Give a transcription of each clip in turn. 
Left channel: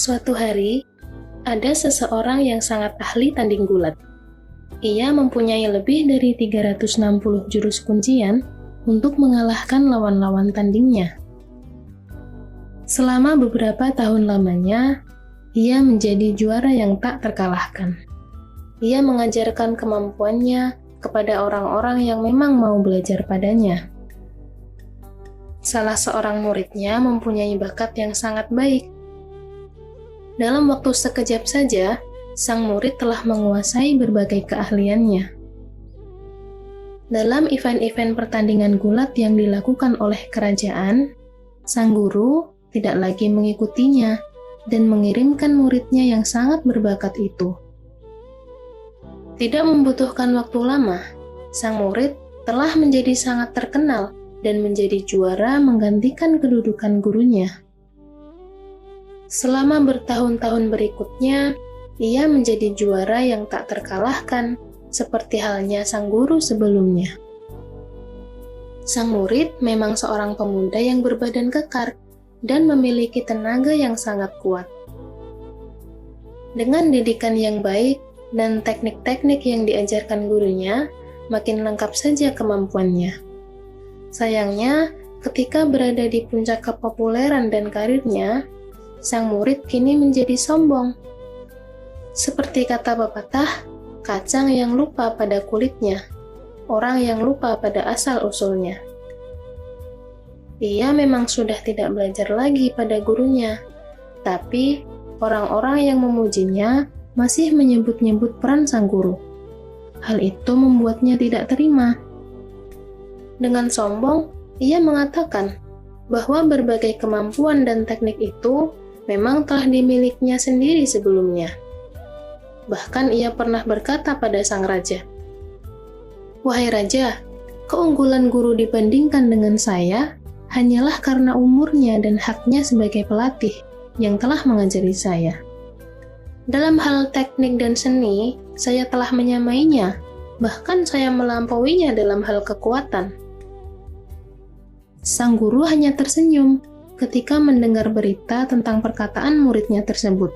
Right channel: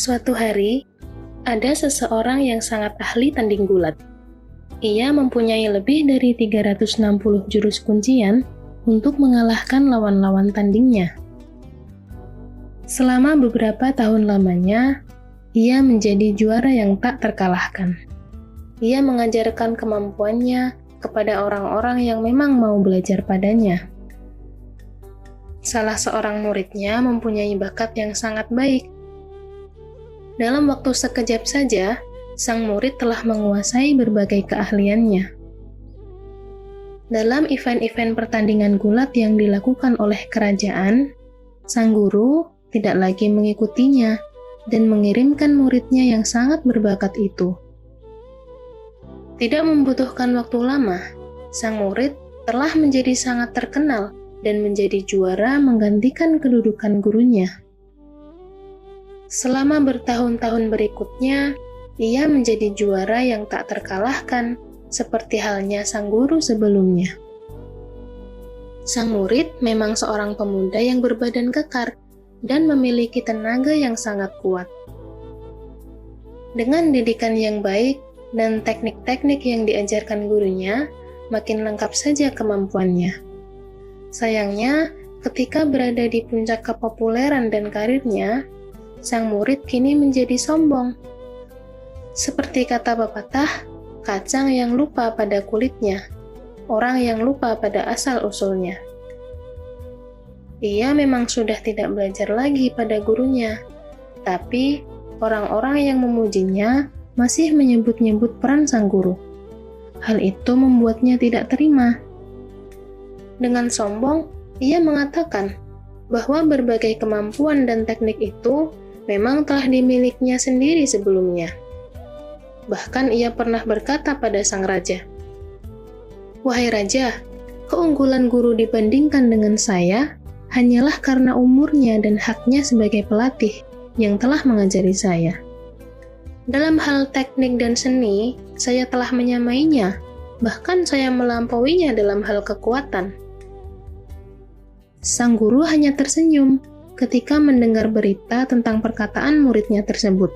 Suatu hari, ada seseorang yang sangat ahli tanding gulat. Ia mempunyai lebih dari 360 jurus kuncian untuk mengalahkan lawan-lawan tandingnya. Selama beberapa tahun lamanya, ia menjadi juara yang tak terkalahkan. Ia mengajarkan kemampuannya kepada orang-orang yang memang mau belajar padanya. Salah seorang muridnya mempunyai bakat yang sangat baik. Dalam waktu sekejap saja, sang murid telah menguasai berbagai keahliannya. Dalam event-event pertandingan gulat yang dilakukan oleh kerajaan, sang guru tidak lagi mengikutinya dan mengirimkan muridnya yang sangat berbakat itu. Tidak membutuhkan waktu lama, sang murid telah menjadi sangat terkenal dan menjadi juara menggantikan kedudukan gurunya. Selama bertahun-tahun berikutnya, ia menjadi juara yang tak terkalahkan, seperti halnya sang guru sebelumnya. Sang murid memang seorang pemuda yang berbadan kekar dan memiliki tenaga yang sangat kuat. Dengan didikan yang baik dan teknik-teknik yang diajarkan gurunya, makin lengkap saja kemampuannya. Sayangnya, ketika berada di puncak kepopuleran dan karirnya, sang murid kini menjadi sombong. Seperti kata pepatah, kacang yang lupa pada kulitnya, orang yang lupa pada asal-usulnya. Ia memang sudah tidak belajar lagi pada gurunya, tapi orang-orang yang memujinya masih menyebut-nyebut peran sang guru. Hal itu membuatnya tidak terima. Dengan sombong, ia mengatakan bahwa berbagai kemampuan dan teknik itu memang telah dimilikinya sendiri sebelumnya. Bahkan ia pernah berkata pada sang raja, "Wahai raja, keunggulan guru dibandingkan dengan saya hanyalah karena umurnya dan haknya sebagai pelatih yang telah mengajari saya. Dalam hal teknik dan seni, saya telah menyamainya, bahkan saya melampauinya dalam hal kekuatan." Sang guru hanya tersenyum ketika mendengar berita tentang perkataan muridnya tersebut.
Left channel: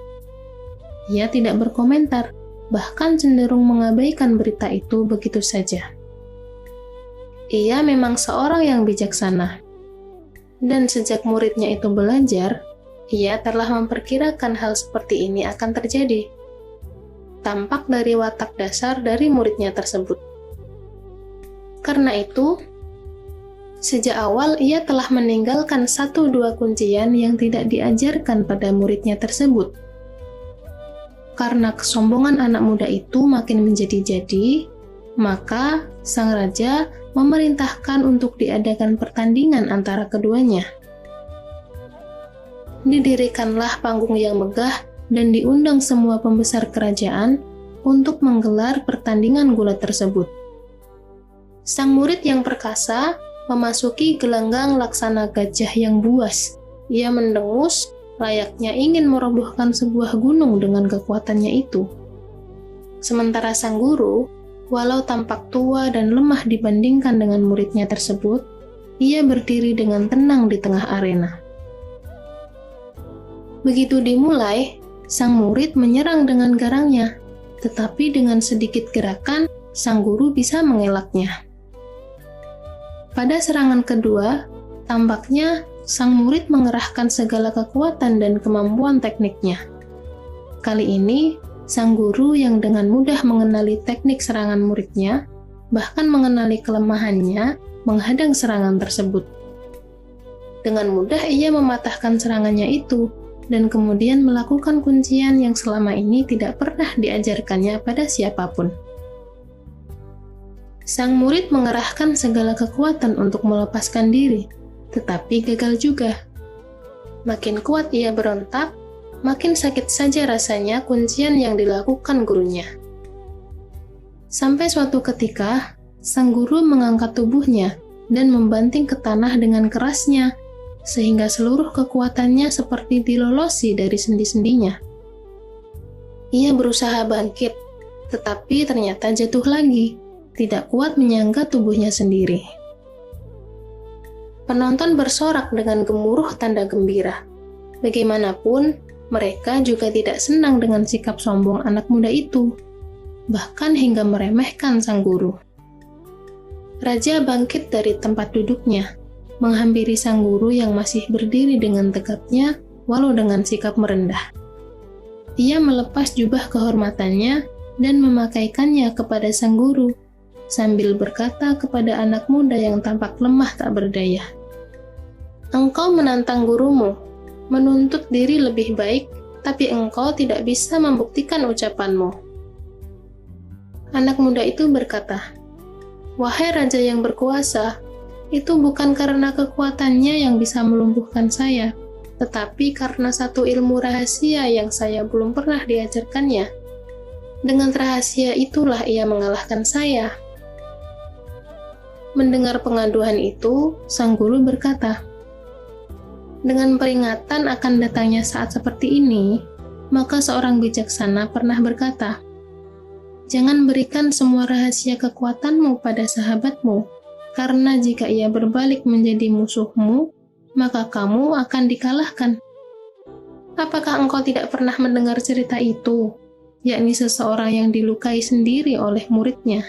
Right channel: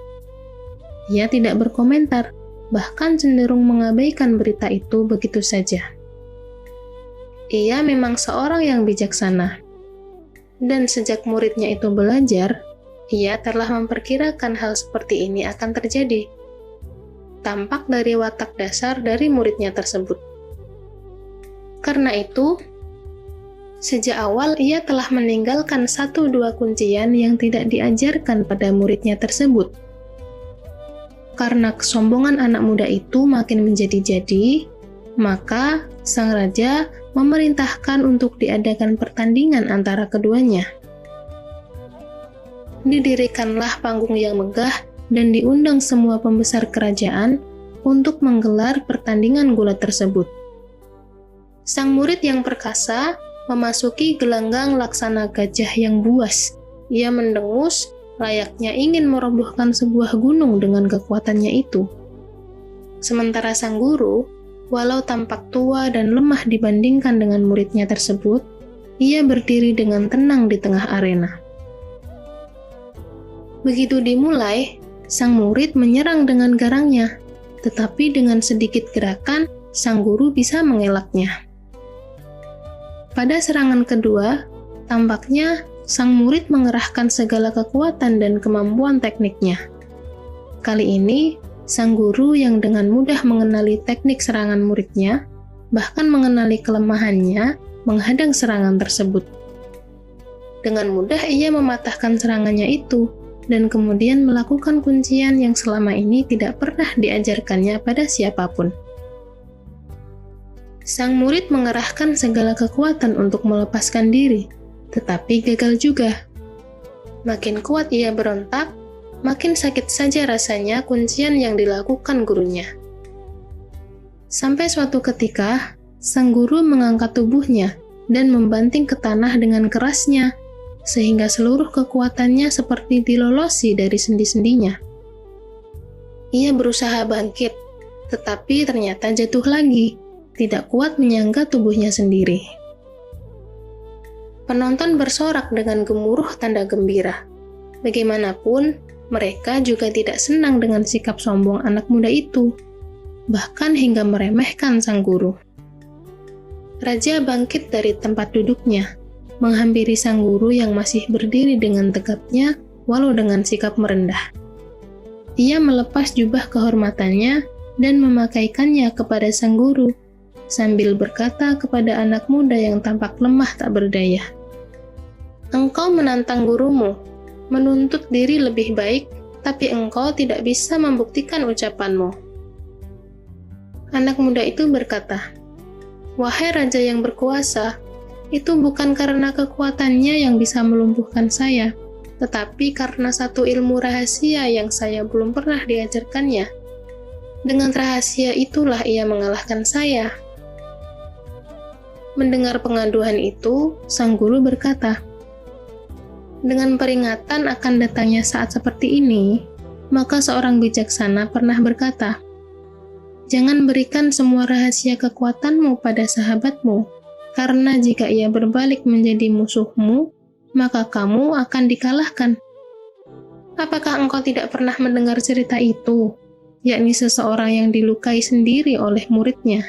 Ia tidak berkomentar, bahkan cenderung mengabaikan berita itu begitu saja. Ia memang seorang yang bijaksana. Dan sejak muridnya itu belajar, ia telah memperkirakan hal seperti ini akan terjadi. Tampak dari watak dasar dari muridnya tersebut. Karena itu, sejak awal ia telah meninggalkan 1-2 kuncian yang tidak diajarkan pada muridnya tersebut. Karena kesombongan anak muda itu makin menjadi-jadi, maka sang raja memerintahkan untuk diadakan pertandingan antara keduanya. Didirikanlah panggung yang megah dan diundang semua pembesar kerajaan untuk menggelar pertandingan gulat tersebut. Sang murid yang perkasa memasuki gelanggang laksana gajah yang buas. Ia mendengus, layaknya ingin merobohkan sebuah gunung dengan kekuatannya itu. Sementara sang guru, walau tampak tua dan lemah dibandingkan dengan muridnya tersebut, ia berdiri dengan tenang di tengah arena. Begitu dimulai, sang murid menyerang dengan garangnya, tetapi dengan sedikit gerakan, sang guru bisa mengelaknya. Pada serangan kedua, tampaknya sang murid mengerahkan segala kekuatan dan kemampuan tekniknya. Kali ini, sang guru yang dengan mudah mengenali teknik serangan muridnya, bahkan mengenali kelemahannya, menghadang serangan tersebut. Dengan mudah ia mematahkan serangannya itu, dan kemudian melakukan kuncian yang selama ini tidak pernah diajarkannya pada siapapun. Sang murid mengerahkan segala kekuatan untuk melepaskan diri, tetapi gagal juga. Makin kuat ia berontak, makin sakit saja rasanya kuncian yang dilakukan gurunya. Sampai suatu ketika, sang guru mengangkat tubuhnya dan membanting ke tanah dengan kerasnya, sehingga seluruh kekuatannya seperti dilolosi dari sendi-sendinya. Ia berusaha bangkit, tetapi ternyata jatuh lagi, tidak kuat menyangga tubuhnya sendiri. Penonton bersorak dengan gemuruh tanda gembira. Bagaimanapun, Mereka juga tidak senang dengan sikap sombong anak muda itu, bahkan hingga meremehkan sang guru. Raja bangkit dari tempat duduknya, menghampiri sang guru yang masih berdiri dengan tegapnya, walau dengan sikap merendah. Ia melepas jubah kehormatannya dan memakaikannya kepada sang guru, sambil berkata kepada anak muda yang tampak lemah tak berdaya, "Engkau menantang gurumu, menuntut diri lebih baik, tapi engkau tidak bisa membuktikan ucapanmu." Anak muda itu berkata, "Wahai raja yang berkuasa, itu bukan karena kekuatannya yang bisa melumpuhkan saya, tetapi karena satu ilmu rahasia yang saya belum pernah diajarkannya. Dengan rahasia itulah ia mengalahkan saya." Mendengar pengaduan itu, sang guru berkata, "Dengan peringatan akan datangnya saat seperti ini, maka seorang bijaksana pernah berkata, 'Jangan berikan semua rahasia kekuatanmu pada sahabatmu, karena jika ia berbalik menjadi musuhmu, maka kamu akan dikalahkan.' Apakah engkau tidak pernah mendengar cerita itu, yakni seseorang yang dilukai sendiri oleh muridnya?"